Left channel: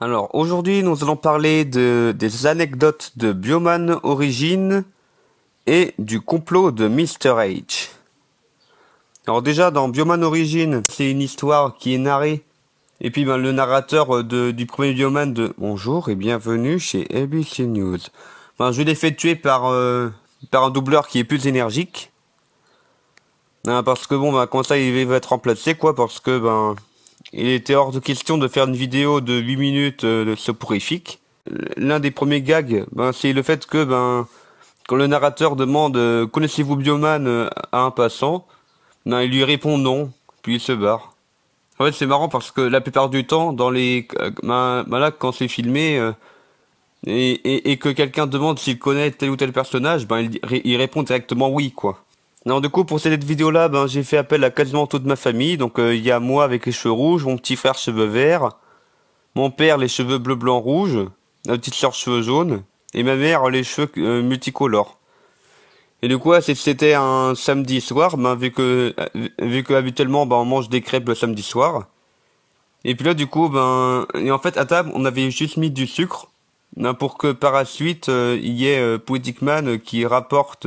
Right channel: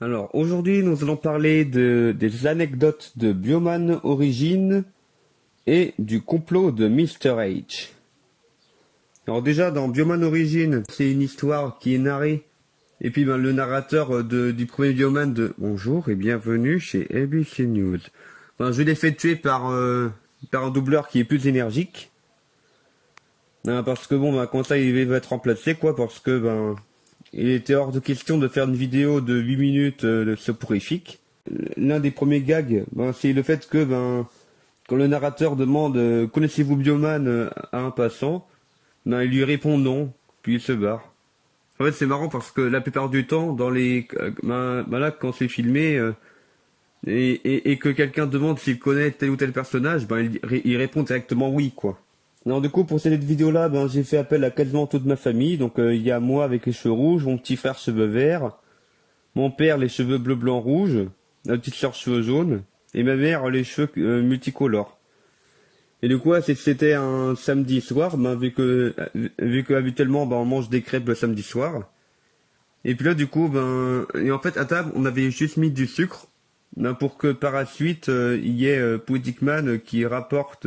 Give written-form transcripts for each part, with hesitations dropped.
Alors aujourd'hui nous allons parler des anecdotes de Bioman Origins et du complot de Mr. H. Alors déjà dans Bioman Origins, c'est une histoire qui est narrée. Et puis le narrateur du premier Bioman de Bonjour et bienvenue chez ABC News. Je l'ai fait tuer par un doubleur qui est plus énergique. Parce que comme ça il va être remplacé quoi, parce que il était hors de question de faire une vidéo de 8 minutes soporifique. L'un des premiers gags, c'est le fait que quand le narrateur demande connaissez-vous Bioman à un passant, il lui répond non, puis il se barre. En fait c'est marrant parce que la plupart du temps dans les là quand c'est filmé et que quelqu'un demande s'il connaît tel ou tel personnage, il répond directement oui quoi. Non, du coup, pour cette vidéo-là, j'ai fait appel à quasiment toute ma famille. Donc, il y a moi avec les cheveux rouges, mon petit frère cheveux verts, mon père les cheveux bleu, blanc, rouge, ma petite soeur cheveux jaunes, et ma mère les cheveux multicolores. Et du coup, c'était un samedi soir, vu que habituellement, on mange des crêpes le samedi soir. Et puis là, du coup, et en fait, à table, on avait juste mis du sucre, pour que par la suite, il y ait Poetic Man qui rapporte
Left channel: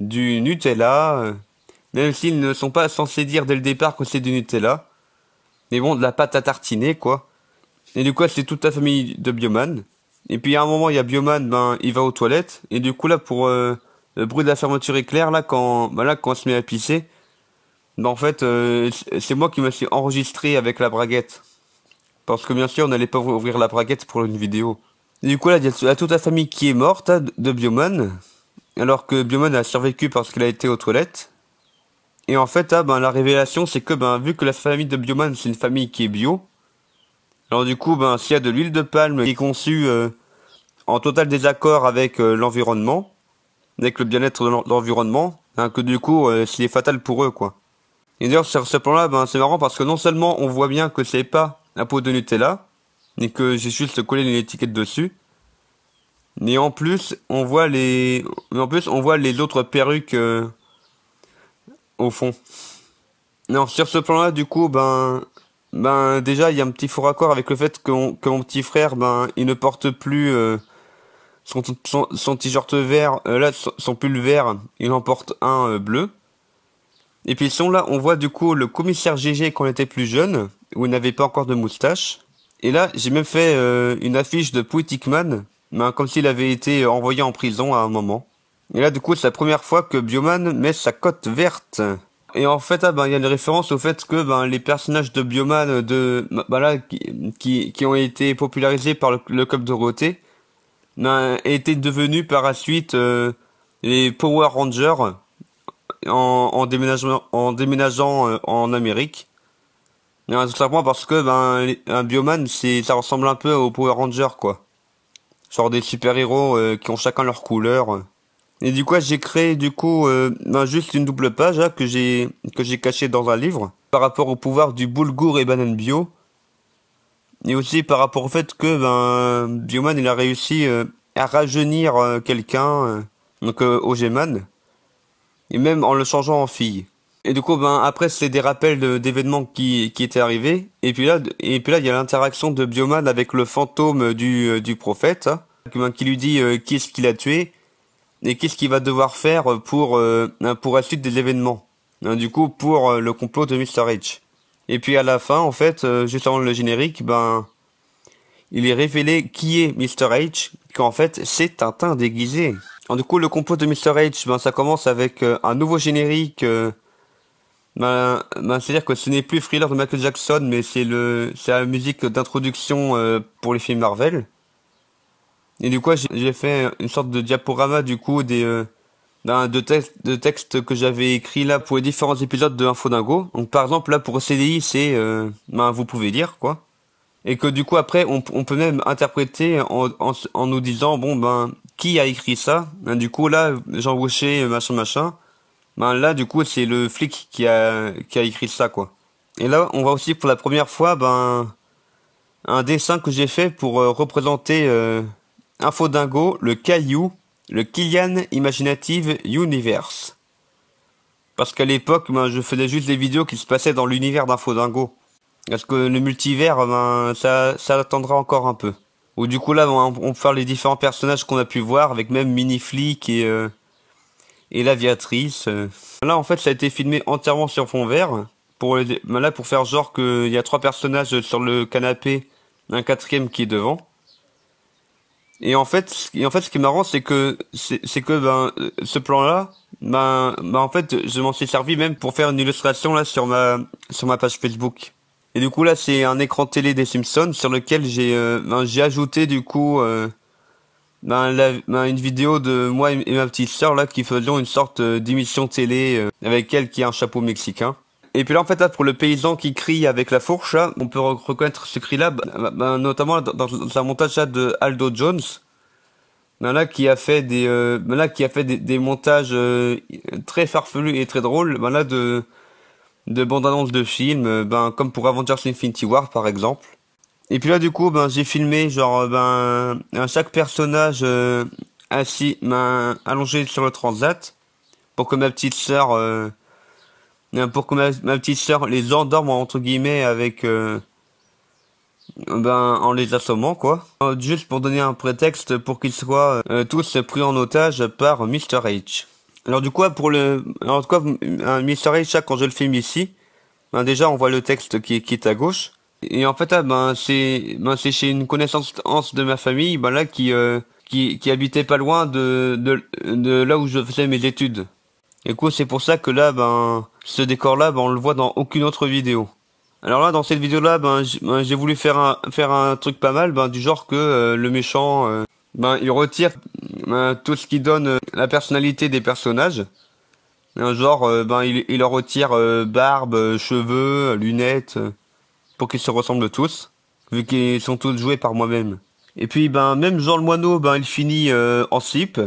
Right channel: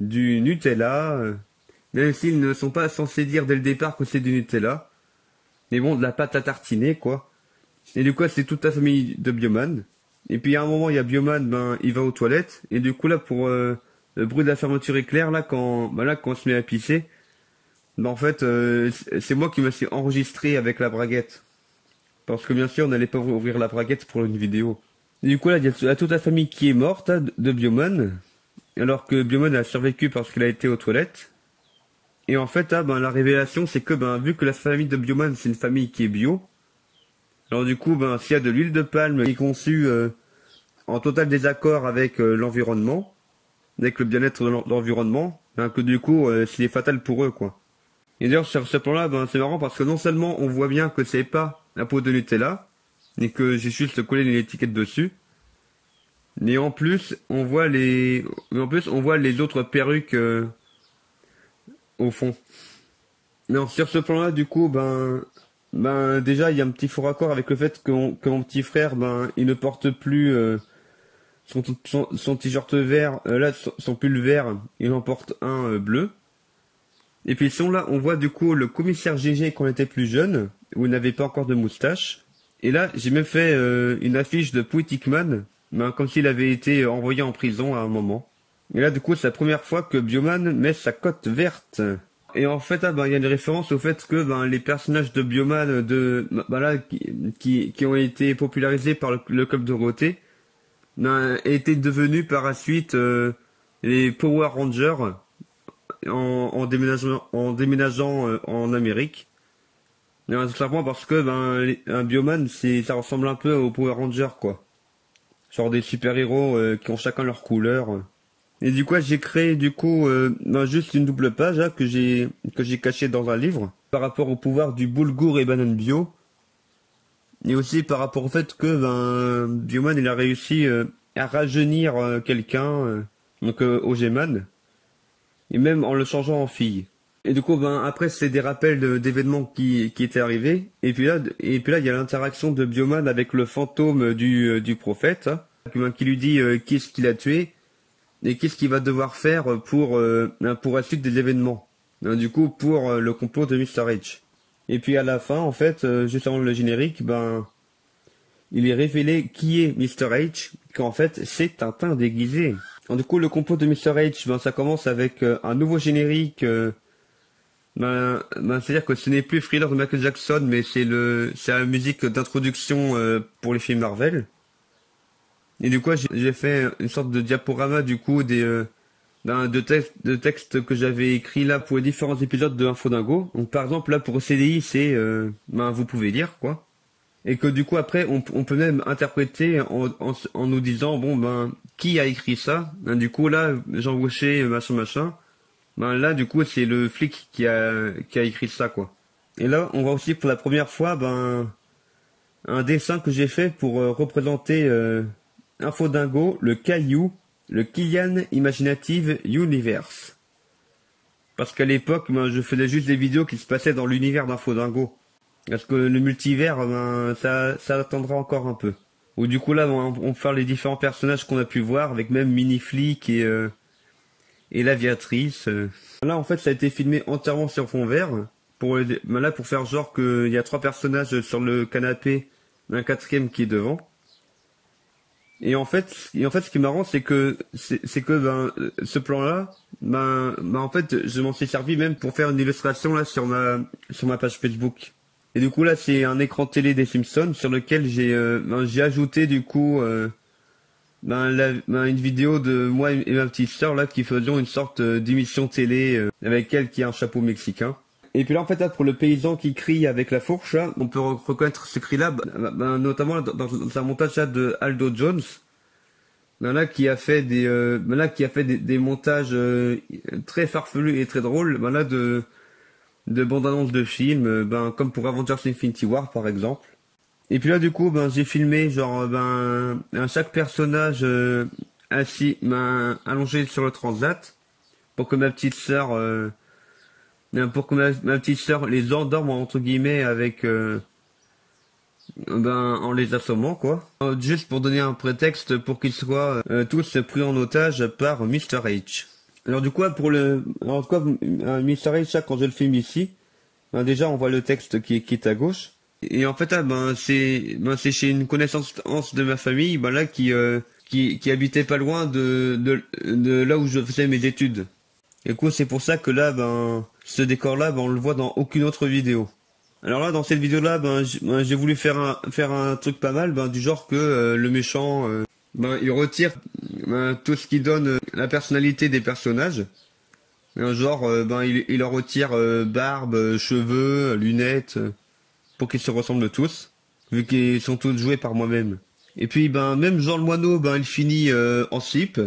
du Nutella, même s'ils ne sont pas censés dire dès le départ que c'est du Nutella. Mais bon, de la pâte à tartiner, quoi. Et du coup, c'est toute la famille de Bioman. Et puis à un moment, il y a Bioman, il va aux toilettes. Et du coup, là, pour le bruit de la fermeture éclair, là, quand on se met à pisser, en fait, c'est moi qui me suis enregistré avec la braguette. Parce que bien sûr, on n'allait pas ouvrir la braguette pour une vidéo. Et du coup, là, il y a toute la famille qui est morte, hein, de Bioman. Alors que Bioman a survécu parce qu'il a été aux toilettes. Et en fait, la révélation, c'est que vu que la famille de Bioman, c'est une famille qui est bio, alors du coup, s'il y a de l'huile de palme qui est conçue en total désaccord avec l'environnement, avec le bien-être de l'environnement, que du coup, c'est fatal pour eux, quoi. Et d'ailleurs, sur ce plan-là, c'est marrant parce que non seulement on voit bien que c'est pas la peau de Nutella, et que j'ai juste collé une étiquette dessus, mais en plus, on voit les autres perruques au fond. Non, sur ce plan-là, du coup, déjà, il y a un petit faux raccord avec le fait que mon petit frère, il ne porte plus son t-shirt vert, là, son pull vert, il en porte un bleu. Et puis sinon, là, on voit du coup le commissaire GG quand il était plus jeune, où il n'avait pas encore de moustache. Et là, j'ai même fait une affiche de Poetic Man, comme s'il avait été envoyé en prison à un moment. Et là, du coup, c'est la première fois que Bioman met sa cote verte. Et en fait, il y a une référence au fait que les personnages de Bioman qui ont été popularisés par le Club Dorothée étaient devenus par la suite les Power Rangers en déménageant en Amérique. Et, tout simplement parce que un Bioman, ça ressemble un peu aux Power Rangers, quoi. Genre des super-héros qui ont chacun leur couleur. Et du coup, j'ai créé juste une double page là, que j'ai cachée dans un livre par rapport au pouvoir du boulgour et banane bio, et aussi par rapport au fait que Bioman il a réussi à rajeunir quelqu'un, donc Ogeman, et même en le changeant en fille. Et du coup, après c'est des rappels d'événements qui étaient arrivés, et puis là il y a l'interaction de Bioman avec le fantôme du prophète, hein, qui lui dit qui est-ce qu'il a tué. Et qu'est-ce qu'il va devoir faire pour la suite des événements, du coup pour le complot de Mr. H. Et puis à la fin, en fait, juste avant le générique, il est révélé qui est Mr. H, qu'en fait c'est Tintin déguisé. Alors, du coup, le complot de Mr. H, ça commence avec un nouveau générique. C'est-à-dire que ce n'est plus Thriller de Michael Jackson, mais c'est la musique d'introduction pour les films Marvel. Et du coup, j'ai fait une sorte de diaporama du coup de textes que j'avais écrits là pour les différents épisodes de Info Dingo. Donc par exemple là pour CDI c'est vous pouvez lire quoi. Et que du coup après on peut même interpréter en nous disant qui a écrit ça. Du coup là Jean Rocher machin. Là du coup c'est le flic qui a écrit ça quoi. Et là on voit aussi pour la première fois un dessin que j'ai fait pour représenter Info Dingo, le Caillou, le Kylian Imaginative Universe. Parce qu'à l'époque, je faisais juste des vidéos qui se passaient dans l'univers d'Info Dingo. Parce que le multivers, ben, ça attendra encore un peu. Ou du coup là, on peut faire les différents personnages qu'on a pu voir, avec même Mini Flick et l'aviatrice. Là, en fait, ça a été filmé entièrement sur fond vert. Ben là, pour faire genre qu'il y a 3 personnages sur le canapé, un 4e qui est devant. Et en fait, ce qui est marrant, c'est que ben ce plan-là, ben en fait, je m'en suis servi même pour faire une illustration là sur ma page Facebook. Et du coup là, c'est un écran télé des Simpsons sur lequel j'ai ajouté du coup une vidéo de moi et ma petite sœur là qui faisions une sorte d'émission télé avec elle qui a un chapeau mexicain. Et puis là en fait là pour le paysan qui crie avec la fourche là, on peut reconnaître ce cri là notamment dans un montage là de Aldo Jones. Là qui a fait des montages très farfelus et très drôles là de bandes-annonces de films comme pour Avengers Infinity War par exemple. Et puis là du coup j'ai filmé genre chaque personnage assis allongé sur le transat pour que ma petite sœur ma petite sœur les endorme entre guillemets avec en les assommant quoi. Juste pour donner un prétexte pour qu'ils soient tous pris en otage par Mr. H. Alors du coup Mr. H là, quand je le filme ici, déjà on voit le texte qui est à gauche. Et en fait c'est chez une connaissance de ma famille là qui habitait pas loin de là où je faisais mes études. Du coup c'est pour ça que là ce décor là on le voit dans aucune autre vidéo. Alors là dans cette vidéo là j'ai voulu faire un truc pas mal du genre que le méchant il retire tout ce qui donne la personnalité des personnages. Genre il leur retire barbe, cheveux, lunettes pour qu'ils se ressemblent tous vu qu'ils sont tous joués par moi-même. Et puis même Jean le Moineau il finit en slip.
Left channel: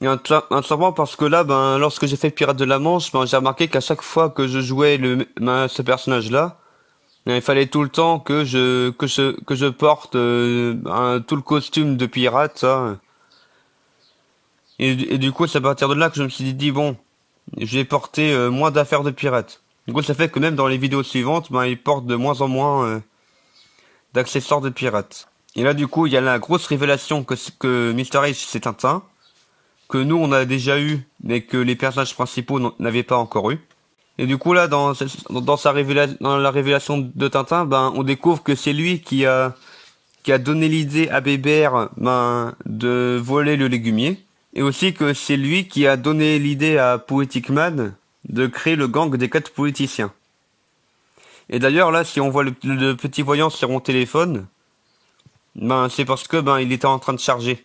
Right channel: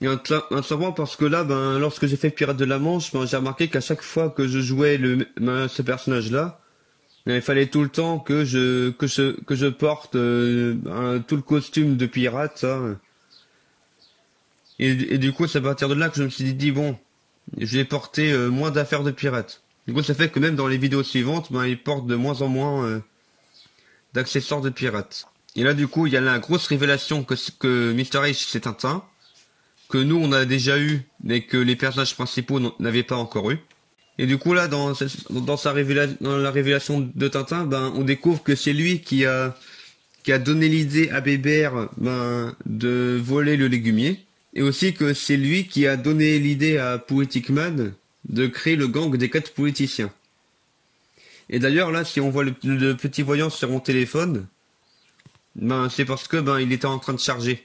Et un simplement parce que là, lorsque j'ai fait Pirates de la Manche, j'ai remarqué qu'à chaque fois que je jouais ce personnage-là, il fallait tout le temps que je porte tout le costume de pirate, ça. Et du coup, c'est à partir de là que je me suis dit bon, je vais porter moins d'affaires de pirate. Du coup, ça fait que même dans les vidéos suivantes, il porte de moins en moins d'accessoires de pirate. Et là, du coup, il y a la grosse révélation que Mr. H c'est Tintin, que nous on a déjà eu, mais que les personnages principaux n'avaient pas encore eu. Et du coup là, dans la révélation de Tintin, on découvre que c'est lui qui a donné l'idée à Bébert de voler le légumier, et aussi que c'est lui qui a donné l'idée à Poetic Man de créer le gang des 4 politiciens. Et d'ailleurs là, si on voit le petit voyant sur mon téléphone, c'est parce que il était en train de charger.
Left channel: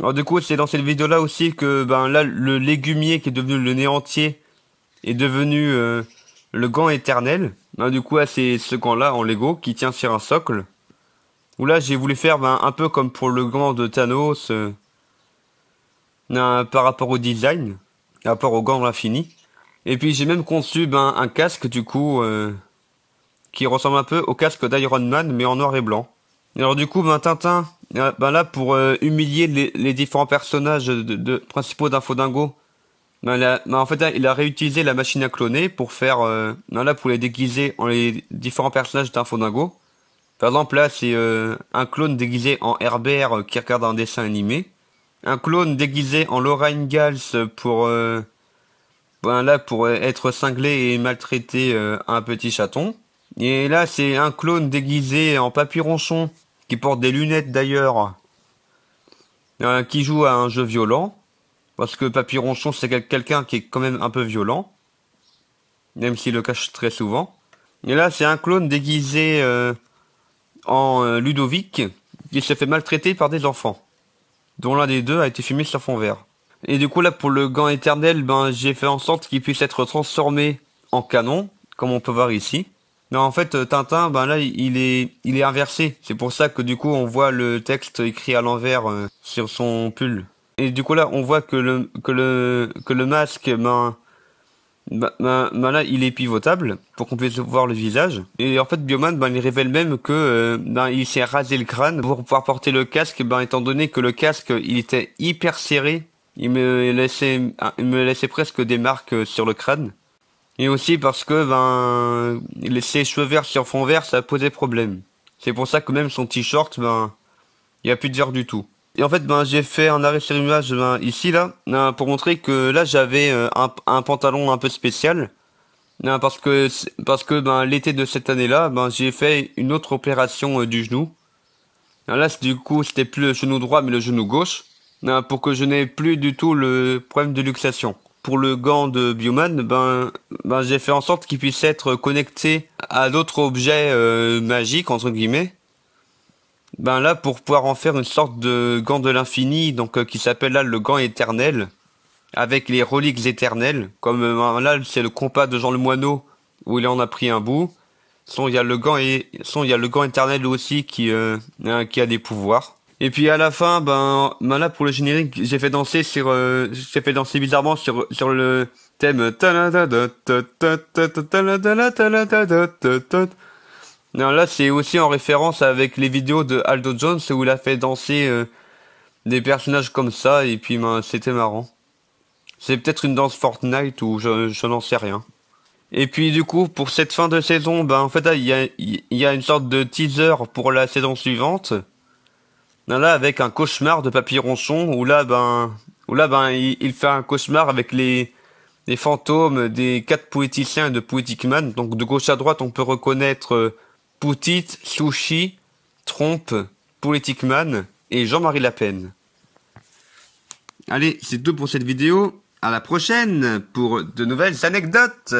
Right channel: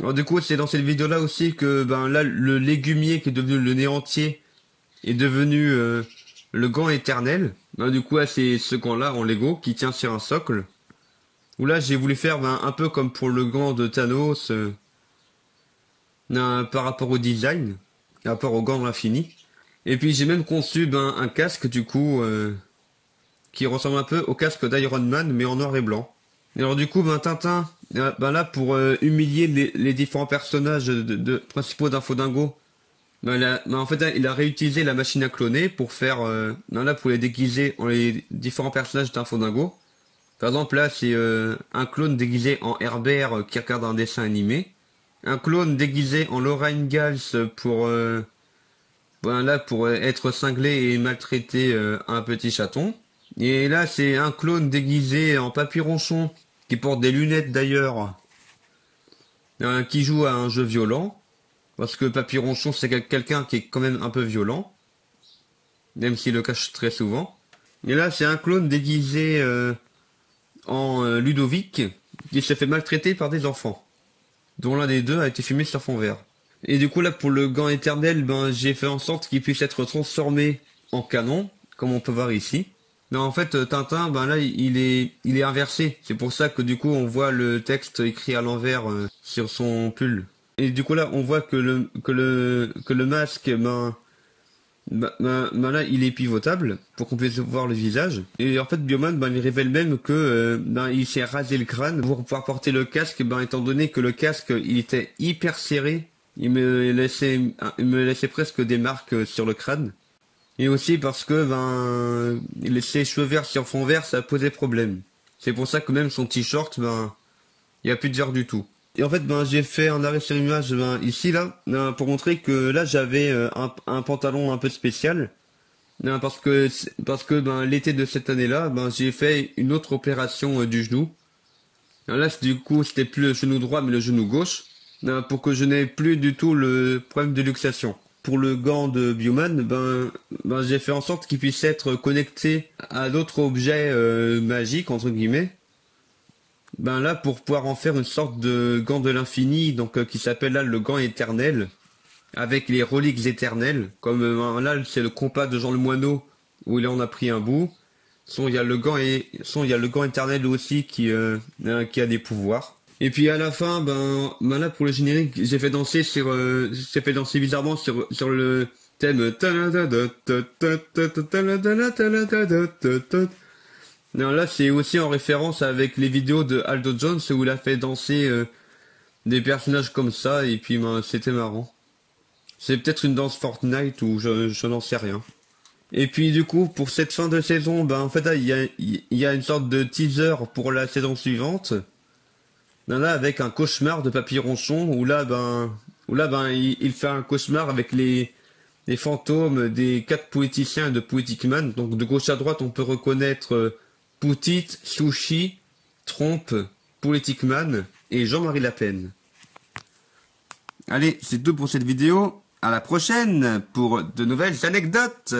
Alors du coup c'est dans cette vidéo là aussi que là le légumier qui est devenu le néantier est devenu le gant éternel. Du coup là, c'est ce gant là en Lego qui tient sur un socle. Où là j'ai voulu faire un peu comme pour le gant de Thanos par rapport au design, par rapport au gant de l'infini. Et puis j'ai même conçu un casque du coup qui ressemble un peu au casque d'Iron Man mais en noir et blanc. Et alors du coup Tintin là pour humilier les différents personnages principaux d'Infodingo, en fait là, il a réutilisé la machine à cloner pour faire là pour les déguiser en les différents personnages d'Infodingo. Par exemple là c'est un clone déguisé en Herbert qui regarde un dessin animé, un clone déguisé en Laura Ingalls pour pour être cinglé et maltraiter un petit chaton. Et là c'est un clone déguisé en Papy Ronchon qui porte des lunettes d'ailleurs, qui joue à un jeu violent, parce que Papy Ronchon c'est quelqu'un qui est quand même un peu violent, même s'il le cache très souvent. Et là c'est un clone déguisé en Ludovic, qui s'est fait maltraiter par des enfants, dont l'un des deux a été filmé sur fond vert. Et du coup là pour le gant éternel, j'ai fait en sorte qu'il puisse être transformé en canon, comme on peut voir ici. Mais en fait Tintin là il est inversé, c'est pour ça que du coup on voit le texte écrit à l'envers sur son pull. Et du coup là on voit que le masque là il est pivotable pour qu'on puisse voir le visage. Et en fait Bioman il révèle même que il s'est rasé le crâne pour pouvoir porter le casque, étant donné que le casque il était hyper serré, il me laissait presque des marques sur le crâne. Et aussi parce que ses cheveux verts sur fond vert, ça posait problème. C'est pour ça que même son t-shirt, il y a plus de vert du tout. Et en fait, j'ai fait un arrêt sur image ici là, pour montrer que là j'avais un pantalon un peu spécial. Parce que l'été de cette année-là, j'ai fait une autre opération du genou. Là, du coup, c'était plus le genou droit, mais le genou gauche, pour que je n'ai plus du tout le problème de luxation. Pour le gant de Bioman, j'ai fait en sorte qu'il puisse être connecté à d'autres objets magiques entre guillemets. Là, pour pouvoir en faire une sorte de gant de l'infini, donc qui s'appelle là le gant éternel, avec les reliques éternelles. Comme là, c'est le compas de Jean le Moineau où il en a pris un bout. Il y a le gant éternel aussi qui a des pouvoirs. Et puis à la fin, là pour le générique, j'ai fait danser bizarrement sur le thème. Non, là c'est aussi en référence avec les vidéos de Aldo Jones où il a fait danser des personnages comme ça et puis c'était marrant. C'est peut-être une danse Fortnite ou je n'en sais rien. Et puis du coup, pour cette fin de saison, en fait là, il y a une sorte de teaser pour la saison suivante. Là, avec un cauchemar de Papy Ronchon, où là, il fait un cauchemar avec les fantômes des 4 poéticiens de Poetic Man. Donc de gauche à droite, on peut reconnaître Poutit, Sushi, Trompe, Poetic Man et Jean-Marie Lapen. Allez, c'est tout pour cette vidéo. À la prochaine pour de nouvelles anecdotes.